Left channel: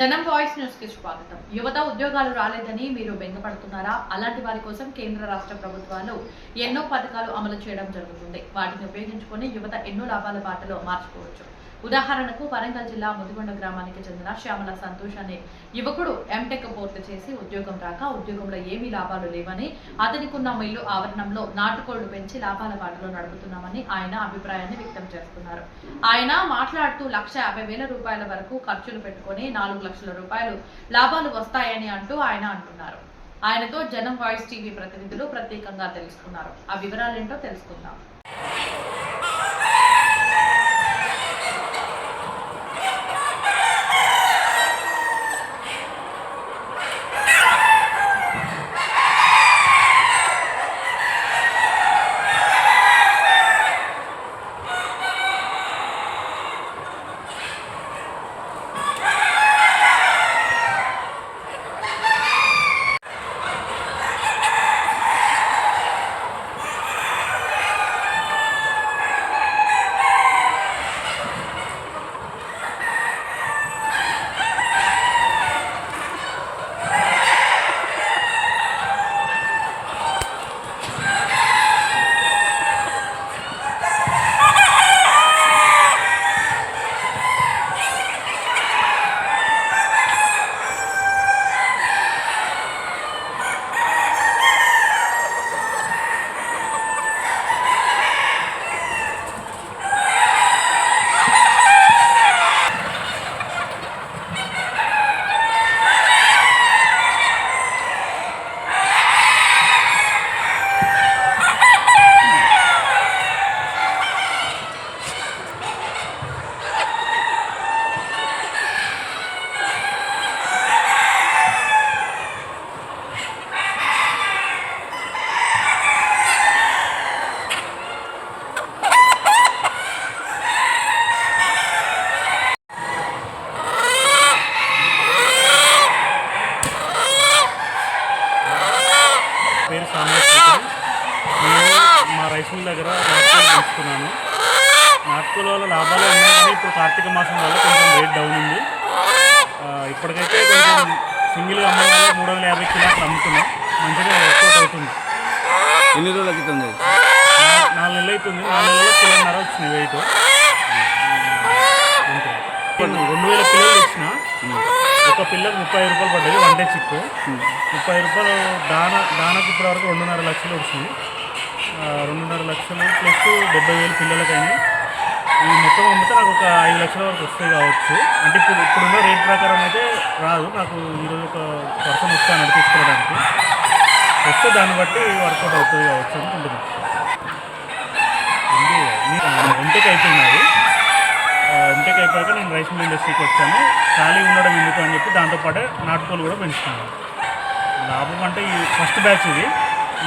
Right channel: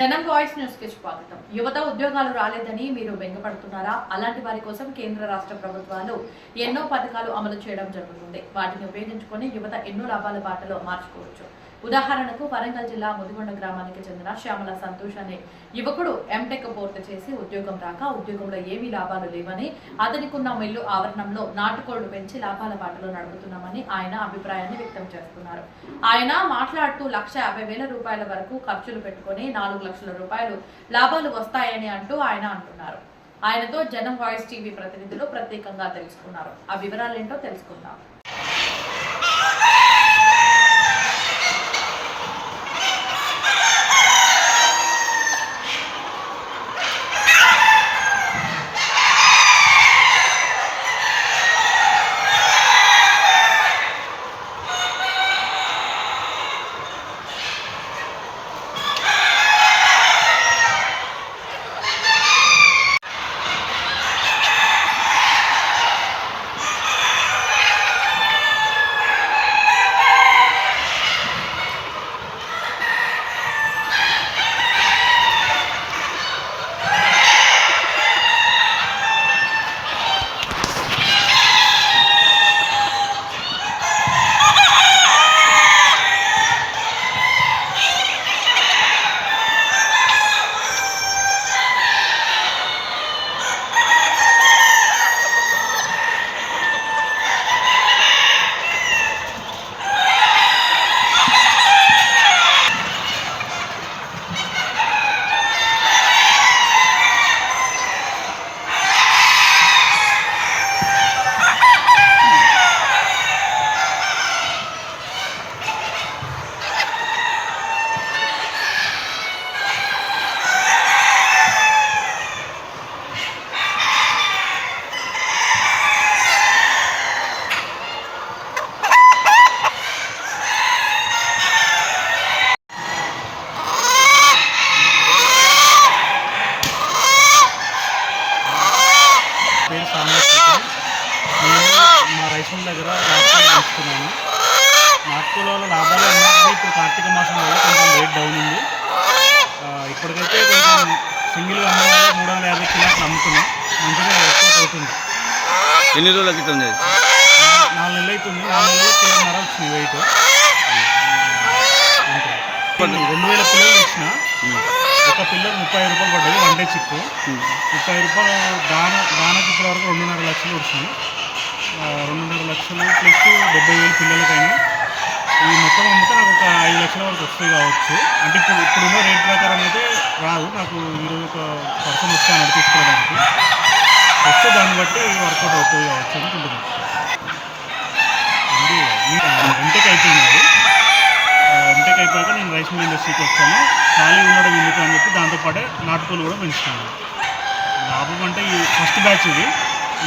జనం వాయిస్ న్యూస్కి స్వాగతం. యువత ఉద్యోగాలు రాలేదని మీరు బెంగపడుతున్నారా? అలాంటి వారి కోసం కేంద్ర రాష్ట్ర ప్రభుత్వాలు ఎన్నో పథకాలు అమలు చేయడం జరుగుతుంది. వాటిని ఉపయోగించుకొని యువత ఎన్నో లాభాల బాటలో మార్చుకోవచ్చు. ఉదాహరణకు వరంగల్ జిల్లా ముదిగొండ గ్రామానికి చెందిన శ్యామల సంతోష్ అనే యువకుడు ఎంటెక్ పూర్తి చేసి ఉద్యోగం రాక ఉద్యోగంలో ఏమీ లాభాలు లేవని అతనికున్న మిల్లు ఆవరణంలో నాటుకోళ్ళు పెంచి లాభాల బాటలో నడుపుతున్నామని ఆయన అభిప్రాయాన్ని వ్యక్తం చేస్తున్నారు. ఆయన మాట్లాడుతూ లక్ష యాభై వేల రూపాయల వరకు ఖర్చులు పెట్టుకొని నాలుగు లక్షల రూపాయలు లాభాలు వస్తాయని అంటూ ఆయన అంటున్నారు. ఆయనతో జనం వాయిస్ టీవీ ప్రతినిధులు ప్రత్యేకంగా తెలుసుకున్నారు. ఆ వివరాలేంటో తెలుసుకుందాం. పేరు సామర్థ్యం నేను మా రైస్ మిల్ దగ్గర నాటుకోలు పెంచుకున్నాను. నాటుకోల వల్ల లాభాలు ఉన్నాయి కానీ ఇప్పుడు కార్తీక మాసం వల్ల కొంచెం రేట్ డౌన్ ఉంది. ఇప్పటికైతే కొంచెం సింగిల్గా అమ్మడం వల్ల మూడు వందల యాభై కిలోట్లు అమ్ముతున్నాం. మంచిగా ఎక్స్పోర్ట్ అవుతుంది. ఎన్ని రోజుల నా- నాలుగు నెలలు అవుతుంది. నాలుగు నెలలు కిలోన్నర వచ్చినాయి వెయిట్. రెండు వేల పిల్లలు ఇచ్చిన ఒక పిల్లకు ముప్పై రూపాయలు పడ్డది వన్ డే చిక్కు. ముప్పై రూపాయలు దాన దానకి ఇప్పటి వరకు రెండున్నర లక్షలు వచ్చినాయి. రెండున్నర లక్షలు ప్లస్ డెబ్బై వేలు పిల్లలకైనా. ఈ మొత్తం అమ్మితే నాకు ఒక ఐదు లక్షల వరకు వస్తాయి కావచ్చు. అంటే ఇప్పుడు ఇప్పుడున్న రేట్ ప్రకారం అయితే రాదు. నాకు ఈరోజు ఒక పర్సన్ వస్తాను తీసుకెళ్ళడానికి. వస్తే దాన్ని బట్టి వర్కౌట్ అవుతుంది కావచ్చు అనుకుంటున్నాను. ఉంది. ఎంటెక్ అయిపోయినది ఎంటెక్ అయిపోయాక నేను రైస్ మిల్ ఇండస్ట్రీకి వచ్చాను. ఖాళీ ఉండడం ఎందుకు అని చెప్పి దాంతోపాటే నాటుకోలు కూడా పెంచుకున్నాను. లాభం అంటే ఈ ఫస్ట్ బ్యాచ్ ఇది.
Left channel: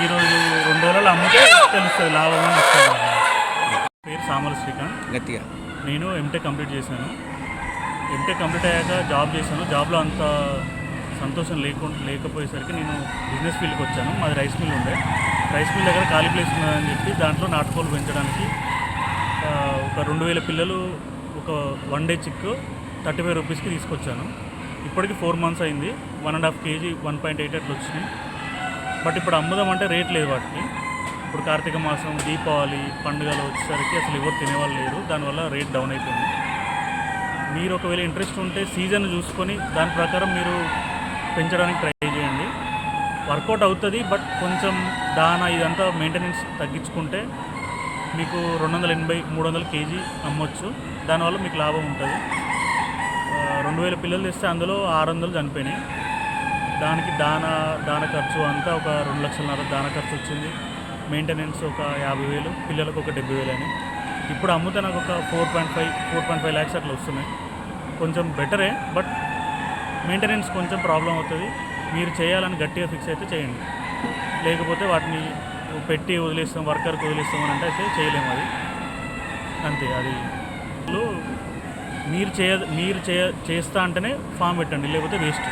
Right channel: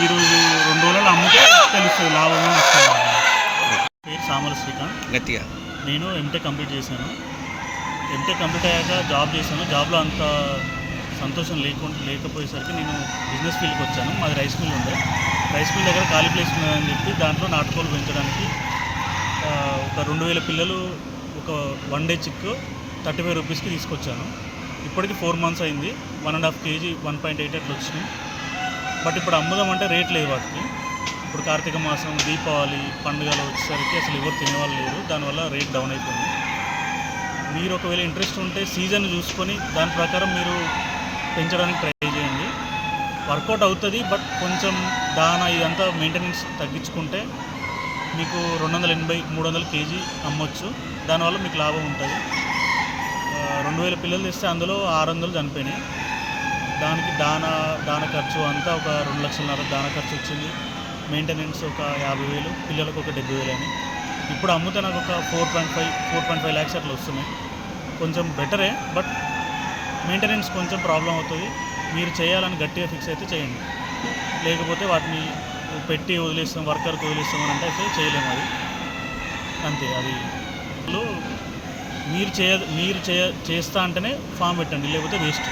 ఈరోజు రెండు రోజులు అమ్మితే తెలుస్తుంది లాభం అని. పేరు సామల శ్రీకాంత్. గట్టిగా. నేను ఎంటెక్ కంప్లీట్ చేశాను. ఎంటెక్ కంప్లీట్ అయ్యాక జాబ్ చేశాను. జాబ్లో అంత సంతోషం లేకుండా లేకపోయేసరికి నేను బిజినెస్ ఫీల్డ్కి వచ్చాను. మాది రైస్ మిల్ ఉండే. రైస్ మిల్ దగ్గర ఖాళీ ప్లేస్ ఉన్నదని చెప్పి దాంట్లో నాటుకోలు పెంచడానికి ఒక రెండు వేల పిల్లలు ఒక one day chick thirty five రూపీస్కి తీసుకొచ్చాను. ఇప్పటికి ఫోర్ మంత్స్ అయింది. One and half KG one point eight అట్లా వచ్చినాయి. బట్ ఇప్పుడు అమ్ముదాం అంటే రేట్ లేదు వాటికి. ఇప్పుడు కార్తీక మాసం దీపావళి పండుగలు వచ్చేసరికి అసలు ఎవరు తినేవాళ్ళు లేరు. దానివల్ల రేట్ డౌన్ అయిపోయింది. మీరు ఒకవేళ ఇంట్రెస్ట్ ఉంటే సీజన్ చూసుకొని దాని ప్రకారం మీరు పెంచడానికి ట్రై చేయండి. వర్కౌట్ అవుతుంది బట్ కొంచెం దానా ఇదంతా మెయింటెనెన్స్ తగ్గించుకుంటే మీకు రెండు వందల ఎనభై మూడు వందల కేజీ అమ్మొచ్చు. దానివల్ల మీకు లాభం ఉంటుంది. రెండు వేల పిల్లలు తెస్తే అందులో ఆరు వందలు చనిపోయినాయి. దానికి దాన దాన ఖర్చు అంతా ఒక రెండు లక్షలన్నర దాన ఖర్చు వచ్చింది. మెయింటెనెన్స్ ఒక యాభై వేలు పిల్లలకు ఒక డెబ్బై వేలు అని ఇప్పుడు అమ్మితే నాకు ఒక four point five four point five lakhs అట్లా వస్తున్నాయి. కొంచెం బెటరే బట్ మెయింటెనెన్స్ కొంచెం ప్రాబ్లం అవుతుంది. మీరు చేయాలని గట్టిగా ఫిక్స్ అయితే చేయండి. లేకపోతే వాటిని పెట్టి వదిలేస్తాం వర్కర్కి వదిలేస్తాం అని అంటే అయితే చేయలేము అది. అంతే అది. మీరు చేయ మీరు చేయ చేస్తా అంటేనే ఫామ్ పెట్టండి లేకపోతే వేస్ట్.